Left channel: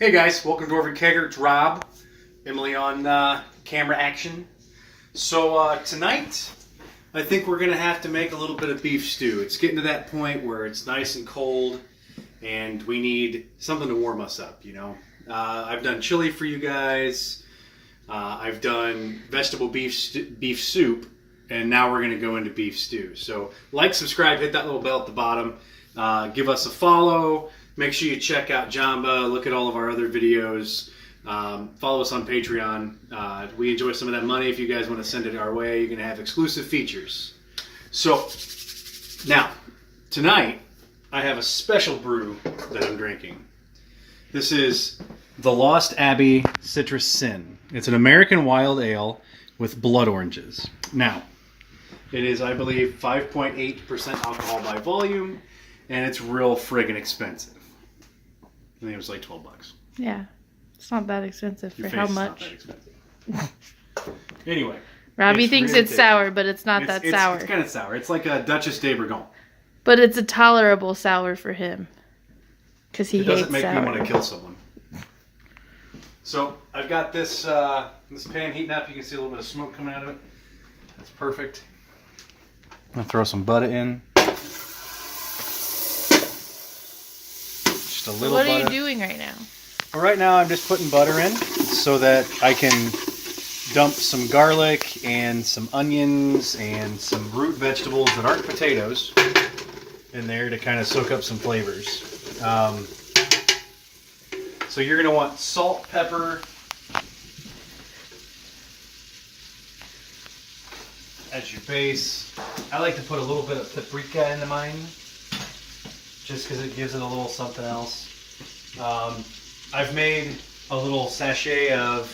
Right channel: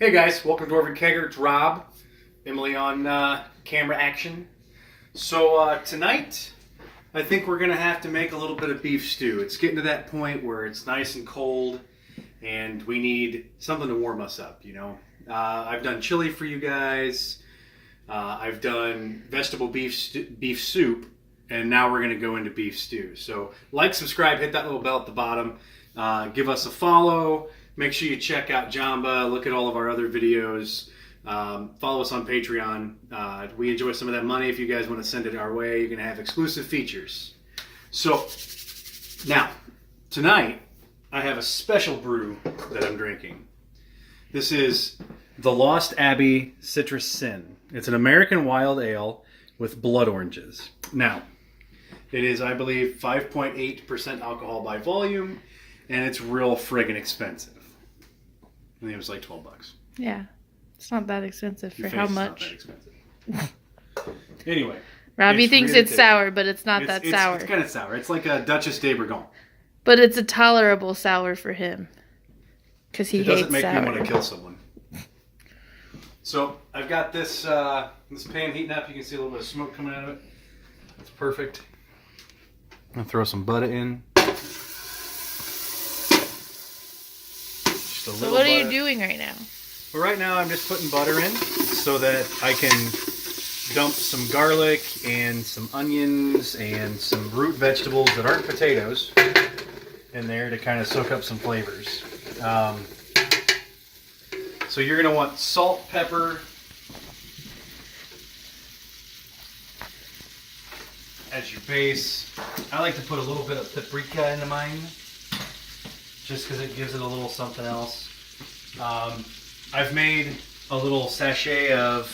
Hey guys, welcome to Dwarvenkegger. It's Rob. Emily on camera action. So tonight, I think we're going to have to make a little bit of beef stew. It's getting to that point where it's nice and cold and we need something to warm us up, you know. I've done chili for you guys. I've done vegetable beef soup, and now we're going to go into beef stew. So like, subscribe, hit that little bell at the bottom. Give us a follow. Make sure you check out Jamba. Look at all of our other videos. Follow us on Patreon. We enjoy some of that money. If you guys want to send it our way, you're going to have exclusive features. So, now, tonight, I have a special brew that I'm drinking. This is the Lost Abbey Citrus Sin. It's an American wild ale with blood oranges. Now, it is, I believe, 5.8% alcohol by volume, and it's real friggin' expensive. I think it was like $12. Yeah, it's not that expensive for how much. Not that expensive. Anyway, Robbie thinks really it's sour, but it's not that sour. It's kind of sour. It's like a Duchess de Bourgogne. But it's a tolerable sour for him, because he hates sour. It doesn't make me want to kill someone. So I've got this this pan heating up. You can see a little bit of smoke coming out of it. That's perfect. I'm gonna throw some butter in. So what are you doing right now? Well, right now I'm just putting butter in so that I can dump some garlic and some onions and some root vegetables that aren't potatoes in there to kind of soak up some flavors. So you're going to want salt, pepper, as your base. I like to put a little bit of paprika into mine, just because it gives it a little something else. I've made a little sachet of,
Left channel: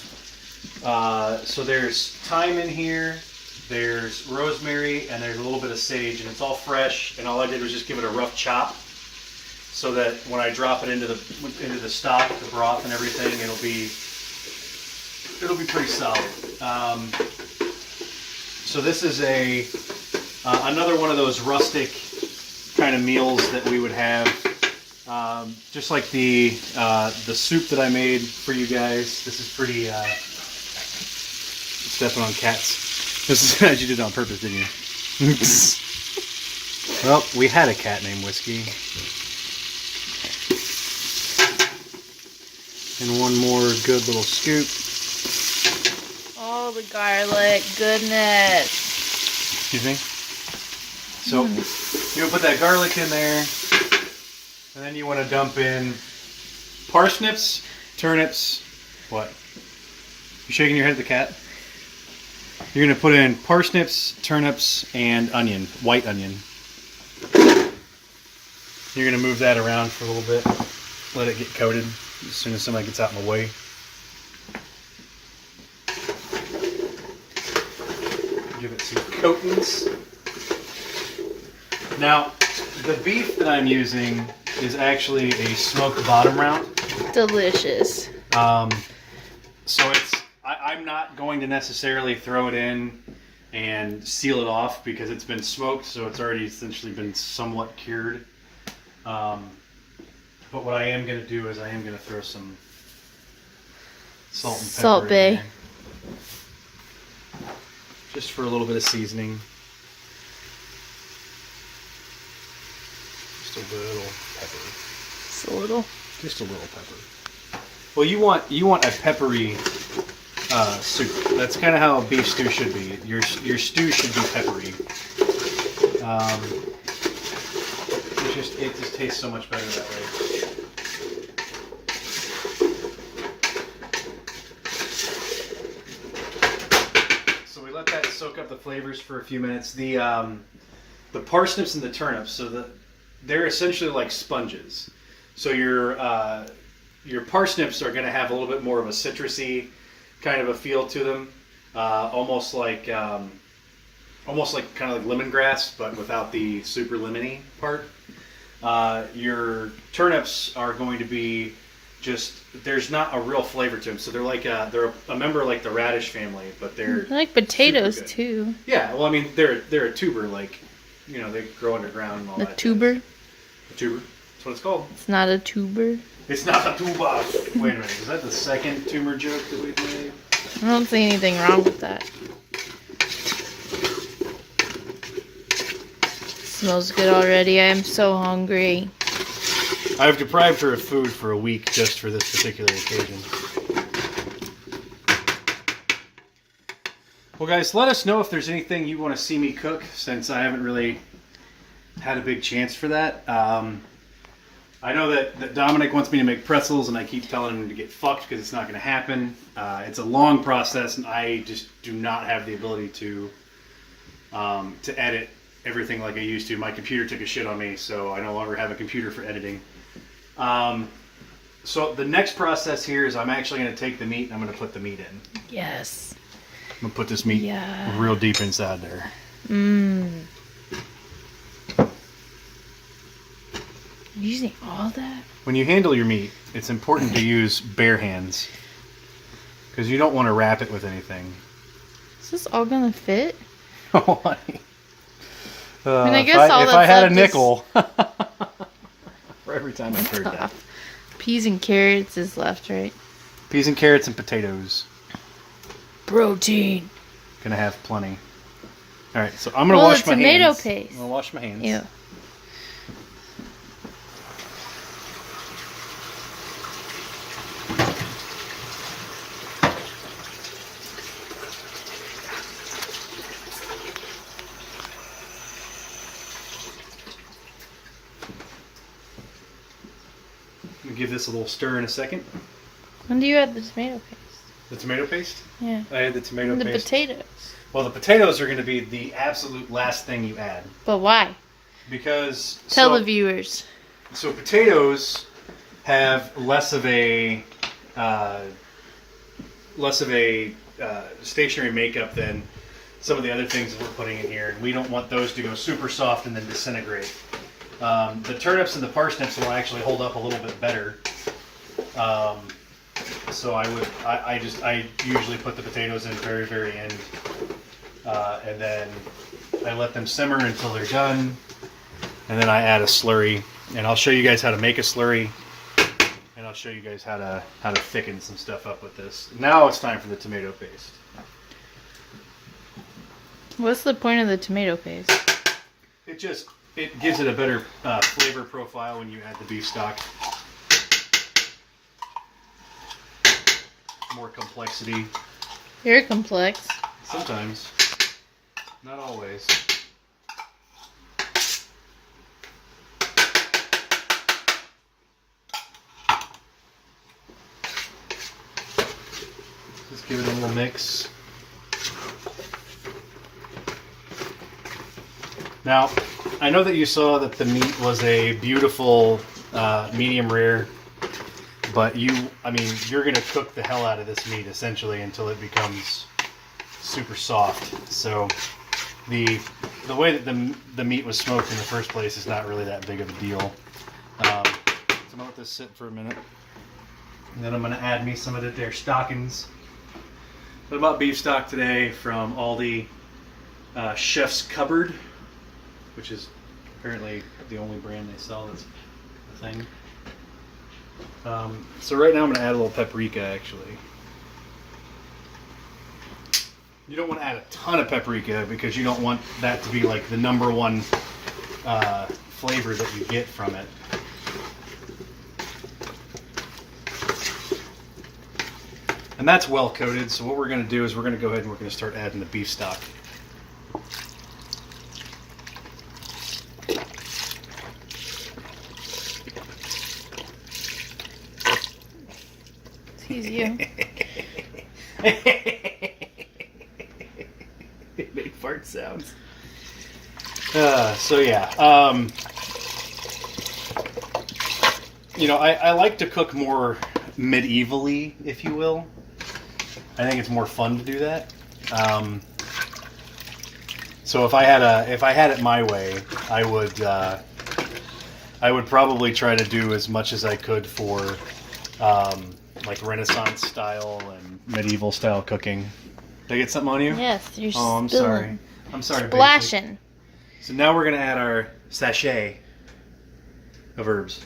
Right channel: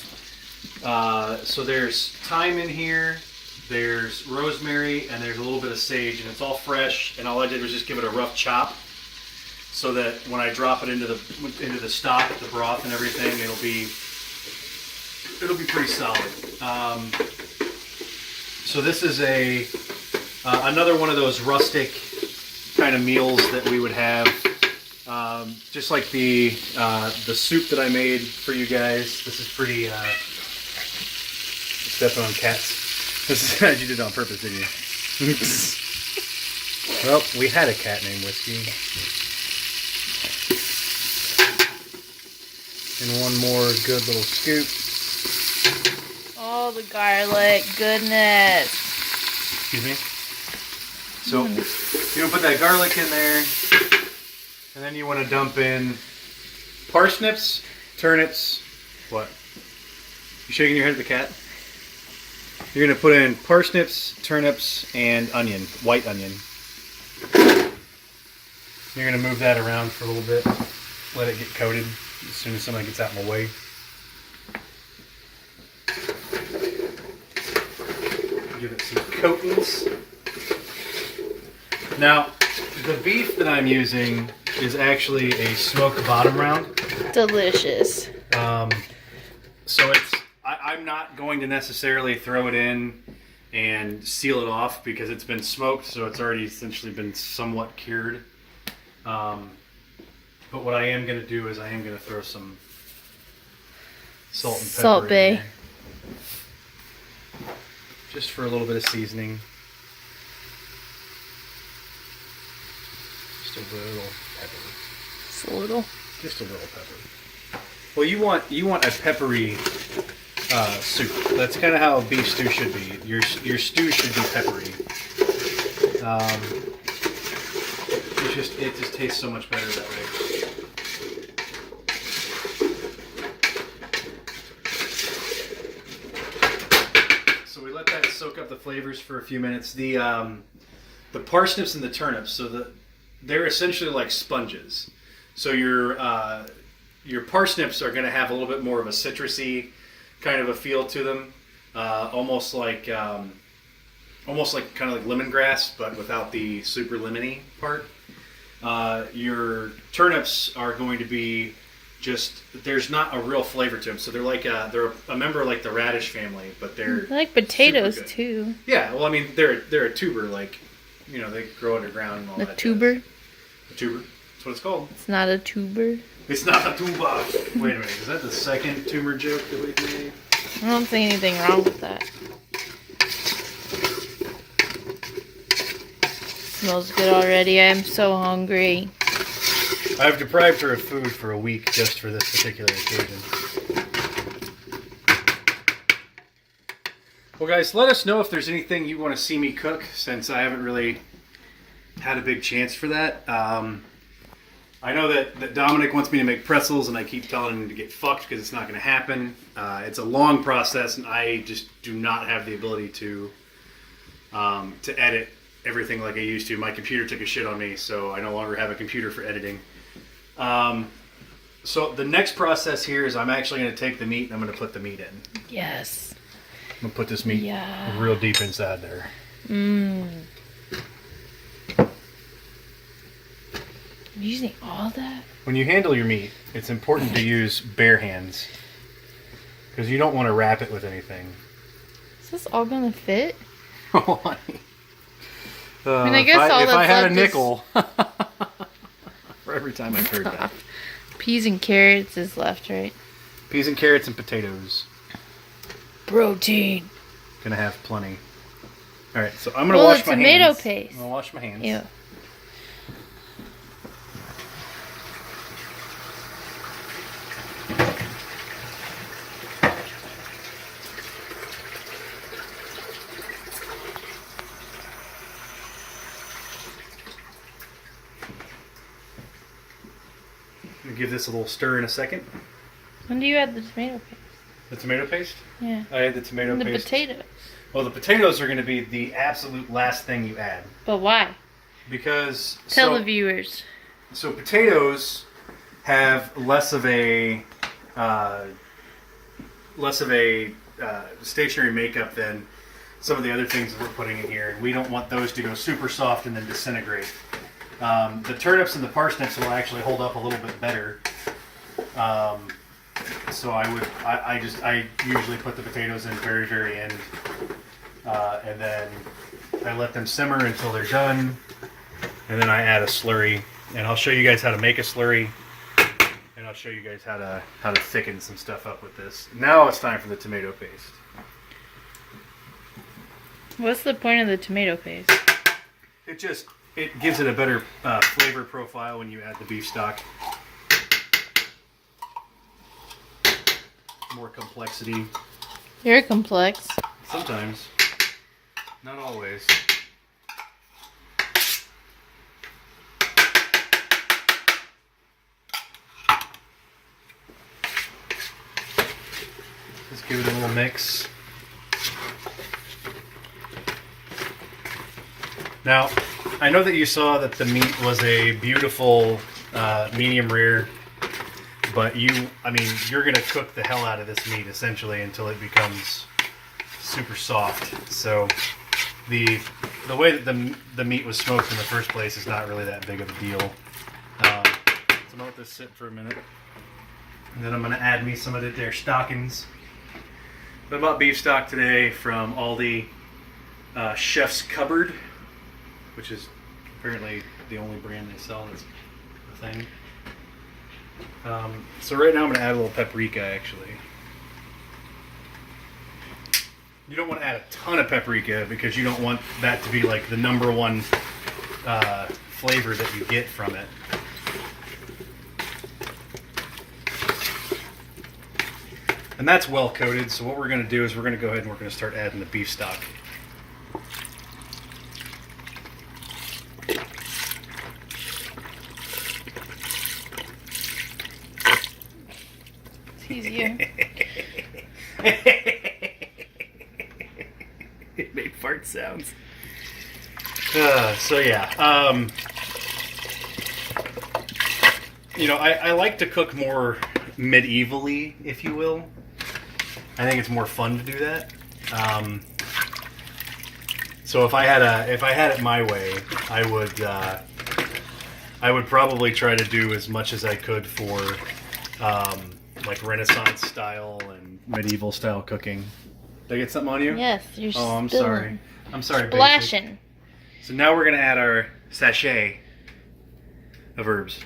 so there's thyme in here, there's rosemary, and there's a little bit of sage, and it's all fresh, and all I did was just give it a rough chop, so that when I drop it into the stock, the broth and everything, it'll be pretty solid. So this is another one of those rustic kind of meals that we would have, just like the soup that I made for you guys. This is pretty stepping on cats. This is, you did it on purpose, didn't you? Well, we had a cat named Whiskey. And one more good little scoop. Oh, the garlic, goodness. Excuse me. So you're gonna put that garlic in there, and then you want to dump in parsnips, turnips. What? You shaking your head at the cat? You're gonna put in parsnips, turnips, and onion, white onion. You're gonna move that around for a little bit, let it get coated as soon as somebody gets out in the way. Give it some coatings. Now, the beef that I'm using is actually a smoked bottom round. Delicious. So I'm not going to necessarily throw it in and seal it off because it's been smoked, so it's already essentially been somewhat cured. But what I am going to do is I am going to throw some salt and pepper Salt Bay. just for a little bit of seasoning. Just a little pepper. Just a little. Just a little pepper. Well, you want a peppery soup. That's kind of how a beef stew should be. Your stew should be peppery. It just tastes so much better that way. So we let that soak up the flavors for a few minutes. The parsnips and the turnips, so they're essentially like sponges. So your parsnips are going to have a little bit more of a citrusy kind of a feel to them, almost like kind of like lemongrass, but without the super lemony part. Your turnips are going to be there's not a real flavor to them, so they're a member of like the radish family, but they're I like potatoes too. Yeah, well, I mean they're a tuber, like, you know, they grow underground and all that. A tuber. A tuber. That's what it's called. It's not a tuber. It's not a tuba. Wait a minute, is that the second tumor joke that we've made? I don't see anything wrong with that. Smells good already. I am so hungry. I've deprived her of food for a week just for this particular occasion. Well, guys, let us know if there's anything you want to see me cook, since I haven't really had a big chance for that. I know that Dominic wants me to make pretzels, and I keep telling him to get fucked because it's not going to happen. It's a long process, and I just do not have the ability to edit everything like I used to. My computer took a shit on me, so I no longer have a computer for editing. So the next process here is I'm actually going to take the meat and I'm going to put the meat in. Yes. I'm going to put this meat real deep inside there. Mmm. Using all that? When you handle your meat, it's important to use bare hands because you don't want to wrap it with anything. Is this all gonna fit? I mean, I guess all that's if I had left a nickel for every time I've heard that. Peas and carrots is left, right? Peas and carrots and potatoes. Protein. Gonna have plenty. All right, so I'm gonna wash my hands. Well, the tomato paste. I'm gonna wash my hands. Ew. Give this a little stir in a second. When do you add the tomato paste? The tomato paste? Yeah. I add the tomato and the paste. potatoes. Well, the potatoes are going to be the absolute last thing you add. But why? Because... Tell the viewers. So potatoes have less of a stationary makeup than some of the other things that we're putting in here. And we don't want those to go super soft and then disintegrate. The turnips and the parsnips will actually hold up a little bit better. So I usually put the potatoes in very, very end. And then I let them simmer until they're done. And then I add a slurry. And I'll show you guys how to make a slurry. And I'll show you guys how to thicken some stuff up with this. Now it's time for the tomato paste. What's the point of the tomato paste? It gives it a better flavor profile when you add the beef stock. More complexity. You're complex. Sometimes. Not always. Just give it a little mix. Now, I know that you saw that the meat was a beautiful medium rare, but you're going to cook the hell out of this meat essentially until it becomes super soft. So the way that the meat was smoked in the first place is not really that big of a deal. So I'm going to let this sit for a minute. And then I'm going to add me some of their stockings. I bought beef stock today from Aldi, Chef's Cupboard, which is apparently the only brand they sell that's a thing. So right now I'm going to add a little paprika, actually. You don't want to add a ton of paprika because you don't want that to be like the number one flavor that you get from it. And that's well coated, so what we're going to do is we're going to go ahead and we're going to start adding the beef stock. Excuse you. It made fart sounds. So yeah, I like to cook more medievally, if you will. I think it's more fun to do that. So if I had it my way, I would probably try to do as much as I could for like Renaissance style and medieval style cooking. Did I get something on you? Yes, you're Oh, I'm spilling. sorry. I'm sorry. Splashing. Basic. So now we're gonna add our sachet of herbs.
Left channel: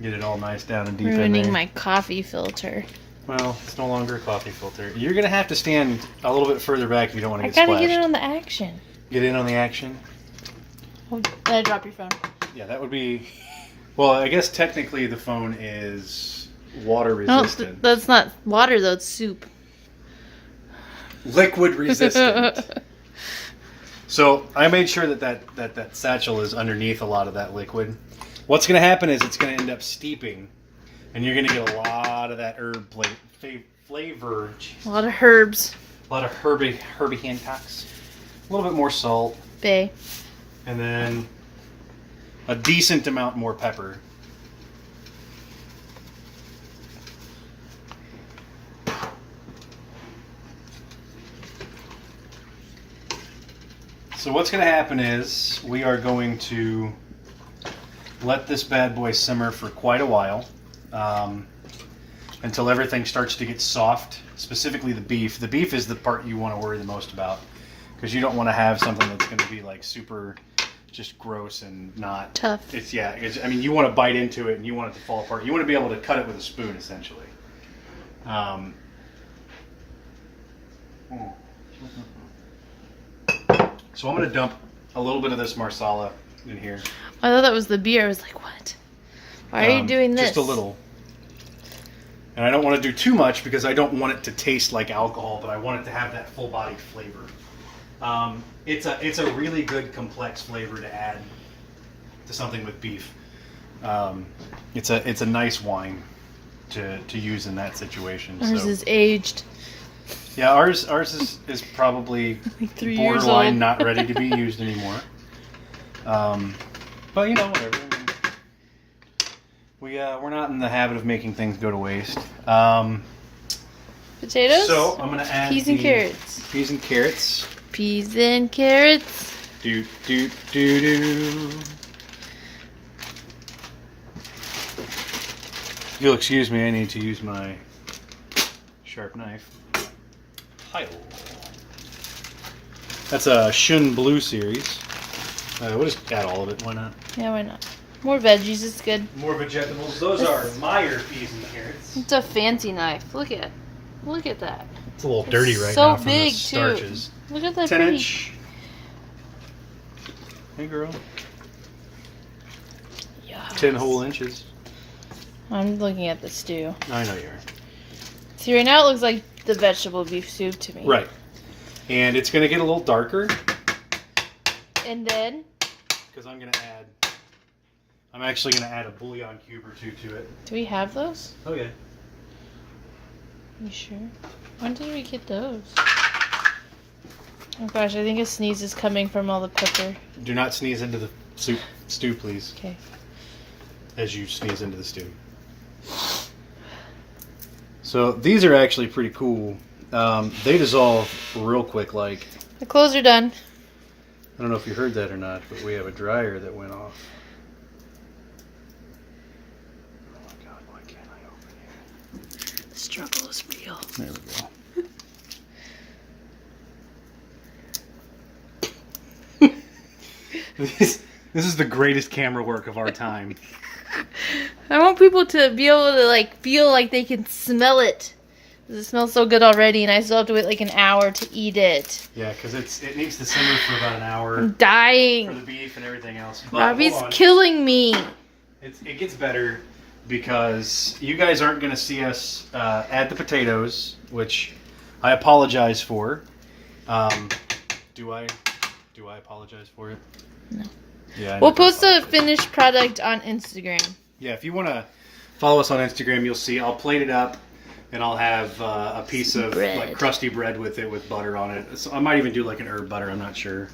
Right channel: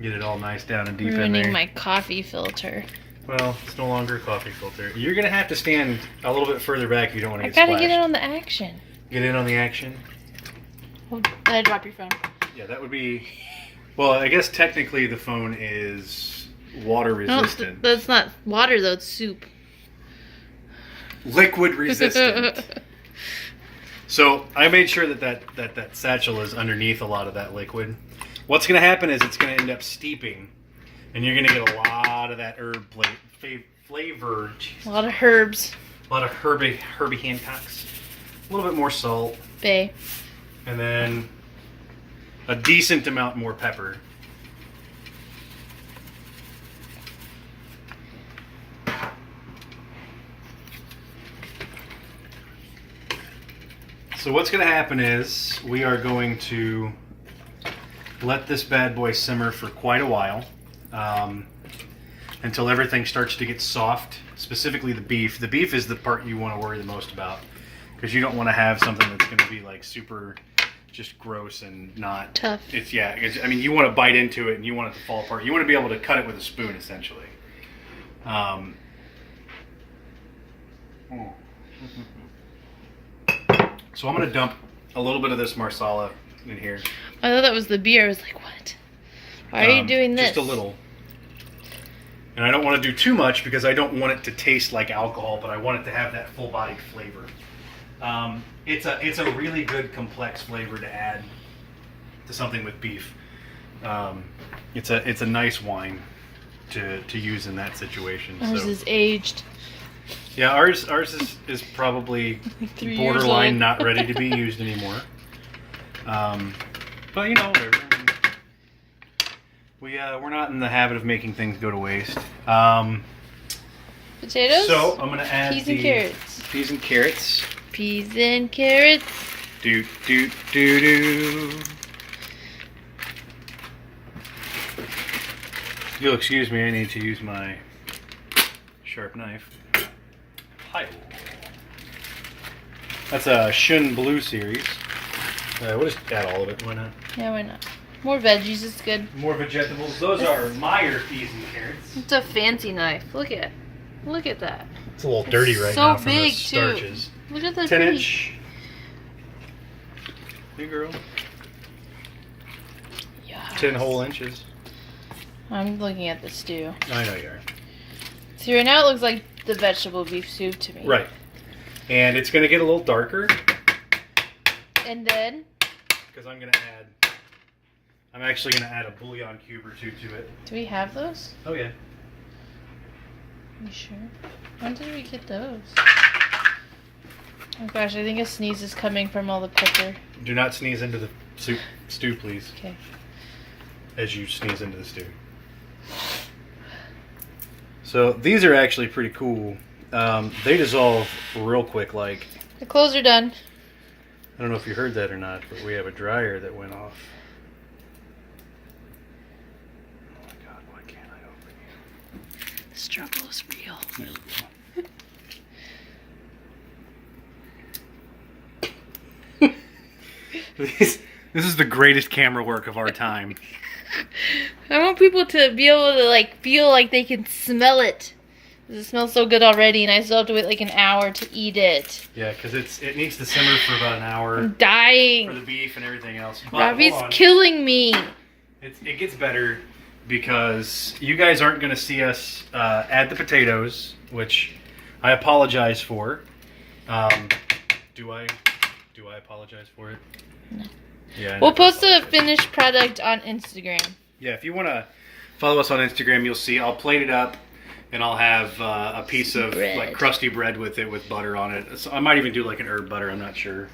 Get it all nice down and deep in Ruining there. my coffee filter. Well, it's no longer a coffee filter. You're going to have to stand a little bit further back if you don't want to I get gotta splashed. get in on the action. Get in on the action? Oh, did I drop your phone? Yeah, that would be... Well, I guess technically the phone is water No, resistant. that's not water though, it's soup. Liquid resistant. So I made sure that satchel is underneath a lot of that liquid. What's going to happen is it's going to end up steeping, and you're going to get a lot of that herb flavor. Jeez. A lot of herbs. A lot of Herbie Hancocks. A little bit more salt. Bay. And then a decent amount more pepper. So what's going to happen is we are going to let this bad boy simmer for quite a while until everything starts to get soft, specifically the beef. The beef is the part you want to worry the most about because you don't want to have something that's going to be like super just gross and not tough. I mean, you want to bite into it and you want it to fall apart. You want to be able to cut it with a spoon, essentially. So I'm going to dump a little bit of this marsala in here. I thought that was the beer. I was like, what? Why are you doing this? Just a little. And I don't want to do too much because I don't want it to taste like alcohol, but I want it to have that full-bodied flavor. It's a really good complex flavor to add to something with beef. It's a nice wine to use in that situation. Ours is aged. Yeah, ours is probably Like 3 years old. borderline not ready to be used anymore. But you know, whatever. I mean, we're not in the habit of making things go to waste. Potatoes? So I'm gonna add peas and carrots. Peas and carrots. Peas and carrots. Do do do do. If you'll excuse me, I need to use my sharp knife. Pile. That's a Shun Blue series. We'll just add all of it. Why not? Yeah, why not? More veggies, it's good. More vegetables. Those are Meyer peas and carrots. It's a fancy knife. Look at that. It's a little dirty right so now from big, the starches. Too. Look at that 10 pretty. inch. Hey girl. Yes. 10 whole inches. I'm looking at the stew. I know you are. See, right now it looks like the vegetable beef soup to me. Right. And it's going to get a little darker. And then? Because I'm actually going to add a bouillon cube or two to it. Do we have those? Oh yeah. You sure? When did we get those? Oh gosh, I think a sneeze is coming from all the pepper. Do not sneeze into the stew, please. Okay. As you sneeze into the stew. So these are actually pretty cool. They dissolve real quick. Like, The clothes are done. I don't know if you heard that or not, but we have a dryer that went off. Oh my god, why can't I open here? The struggle is real. There we go. This is the greatest camera work of our time. I want people to be able to feel like they can smell it. It smells so good already, and I still have to wait like an hour to eat it. Yeah, because it needs to simmer for about an hour. I'm dying. For the beef and everything else. But Robbie's hold on. killing me. It gets better because you guys aren't going to see us add the potatoes, which I apologize for. Do I apologize for it? No. Yeah. We'll post a finished product on Instagram. Yeah, if you want to follow us on Instagram, you'll see I'll plate it up, and I'll have a piece of bread. crusty bread with it with butter on it. So I might even do like an herb butter. I'm not sure.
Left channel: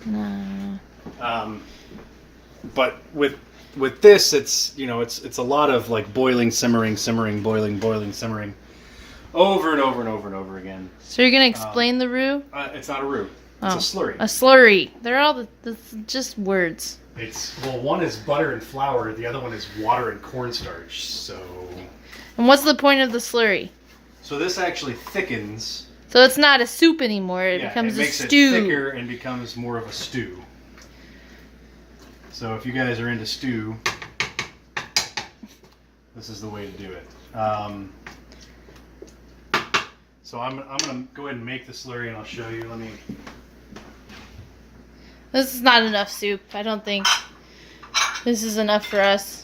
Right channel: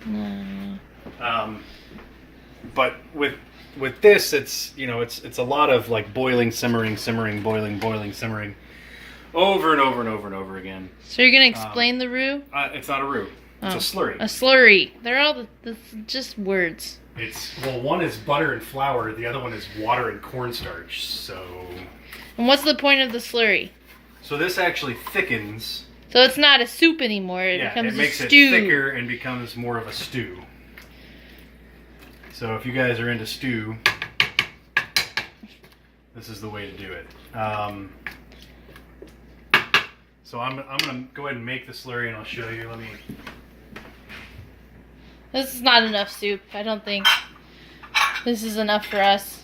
But with this, it's a lot of boiling, simmering, boiling, simmering, over and over and over and over again. So you're gonna explain the roux? It's not a roux. It's a slurry. A slurry. They're all just words. One is butter and flour. The other one is water and cornstarch. So. And what's the point of the slurry? So this actually thickens. So it's not a soup anymore. It becomes it makes a stew. it thicker and becomes more of a stew. So if you guys are into stew, this is the way to do it. So I'm gonna go ahead and make the slurry, and I'll show you. Let me. This is not enough soup. I don't think this is enough for us.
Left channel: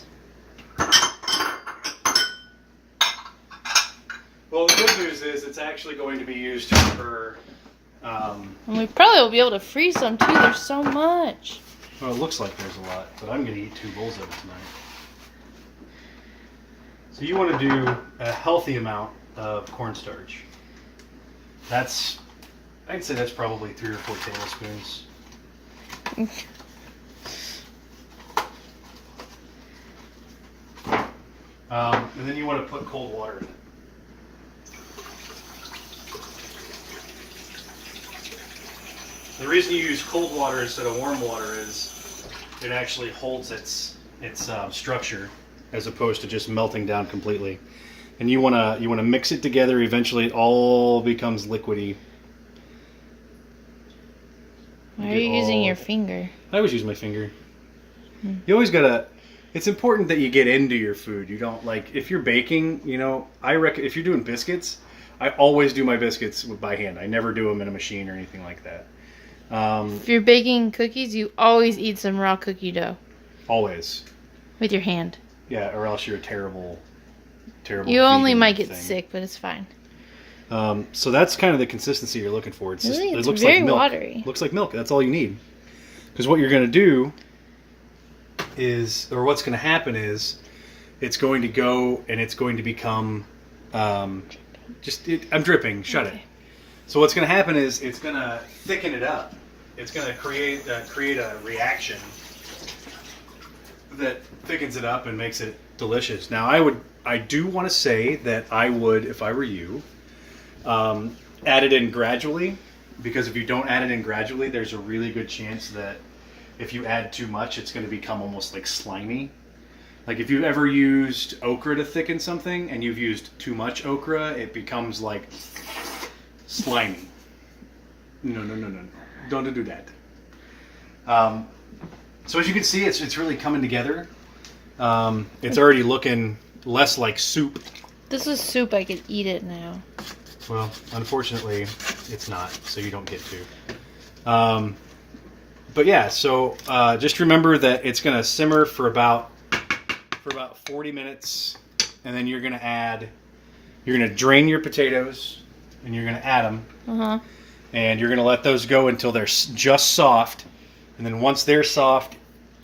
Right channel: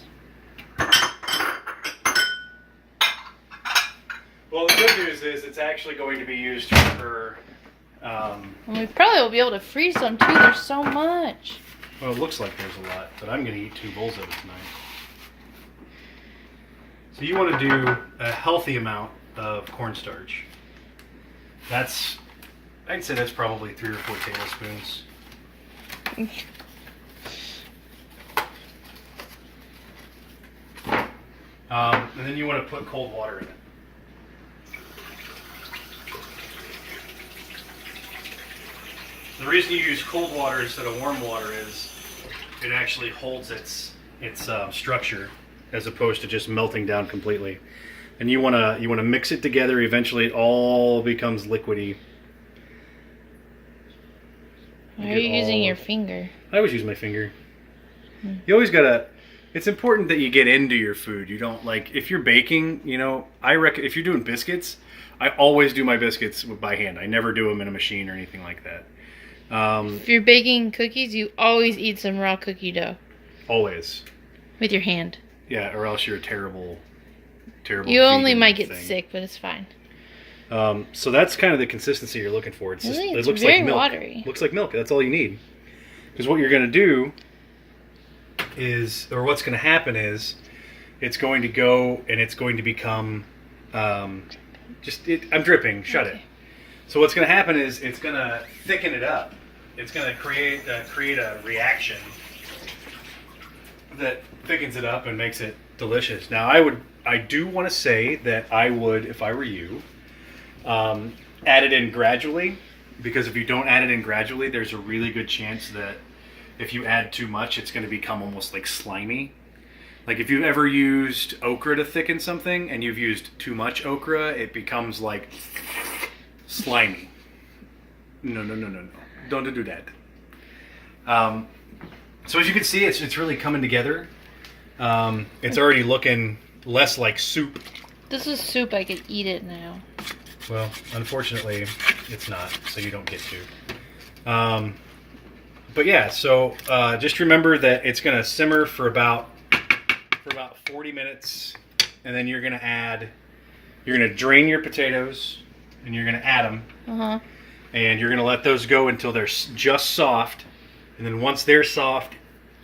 Well, the good news is it's actually going to be used for. And we probably will be able to freeze some too. There's so much. Well, it looks like there's a lot, but I'm going to eat 2 bowls of it tonight. So you want to do a healthy amount of cornstarch. I'd say that's probably 3 or 4 tablespoons. And then you want to put cold water in it. The reason you use cold water instead of warm water is it actually holds its structure as opposed to just melting down completely. And you wanna mix it together. Eventually, it all becomes liquidy. Why are you using your finger? I always use my finger. You always gotta. It's important that you get into your food. You don't like if you're baking. You know, I reckon if you're doing biscuits, I always do my biscuits by hand. I never do them in a machine or anything like that. If you're baking cookies, you always eat some raw cookie dough. Always. With your hand. Yeah, or else you're a terrible. You only might get sick, but it's fine. So that's kind of the consistency you're looking for. It looks very like milk. watery. Looks like milk. That's all you need. Because what you're going to do is, or what's going to happen is, it's going to go and it's going to become, I'm dripping. Shut it. So what's going to happen is it's going to thicken it up. It's going to create a reaction that thickens it up and makes it delicious. Now, I do want to say that I would, if I were you, add it in gradually, because if you don't add it in gradually, there's a really good chance that if you add too much, it's going to become almost like slimy. Like if you've ever used okra to thicken something and you've used too much okra, it becomes like slimy. No. Don't do that. So as you can see, it's really coming together. It's already looking less like soup. This is soup. I could eat it now. Well, unfortunately, it's not, so you don't get to. But yeah, so just remember that it's going to simmer for about 40 minutes, and then you're going to drain your potatoes, and you're going to add them, and you're going to let those go until they're just soft, and then once they're soft,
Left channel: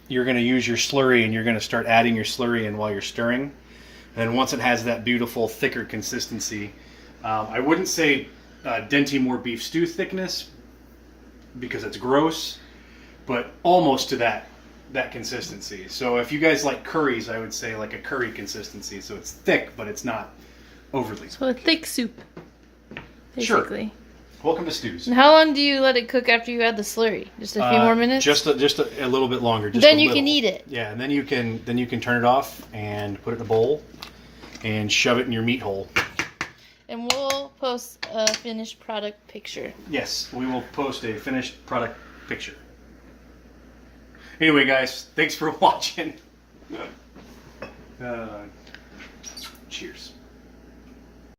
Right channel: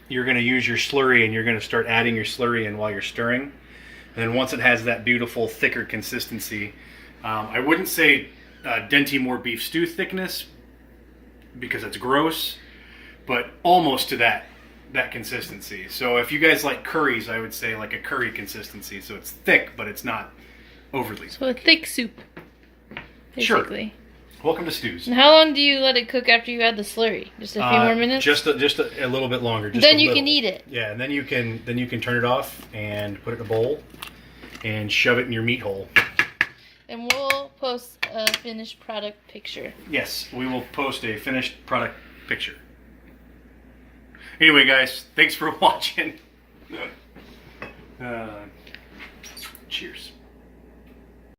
you're going to use your slurry, and you're going to start adding your slurry in while you're stirring. And then once it has that beautiful, thicker consistency, I wouldn't say Denti Moore beef stew thickness, because it's gross, but almost to that consistency. So if you guys like curries, I would say like a curry consistency. So it's thick, but it's not overly. So a thick soup, basically. Sure. Welcome to stews. And how long do you let it cook after you add the slurry? Just a few more minutes? Just a little bit longer. Then you can eat it. Yeah, and then you can turn it off and put it in a bowl and shove it in your meat hole. And we'll post a finished product picture. Yes, we will post a finished product picture. Anyway, guys, thanks for watching. Cheers.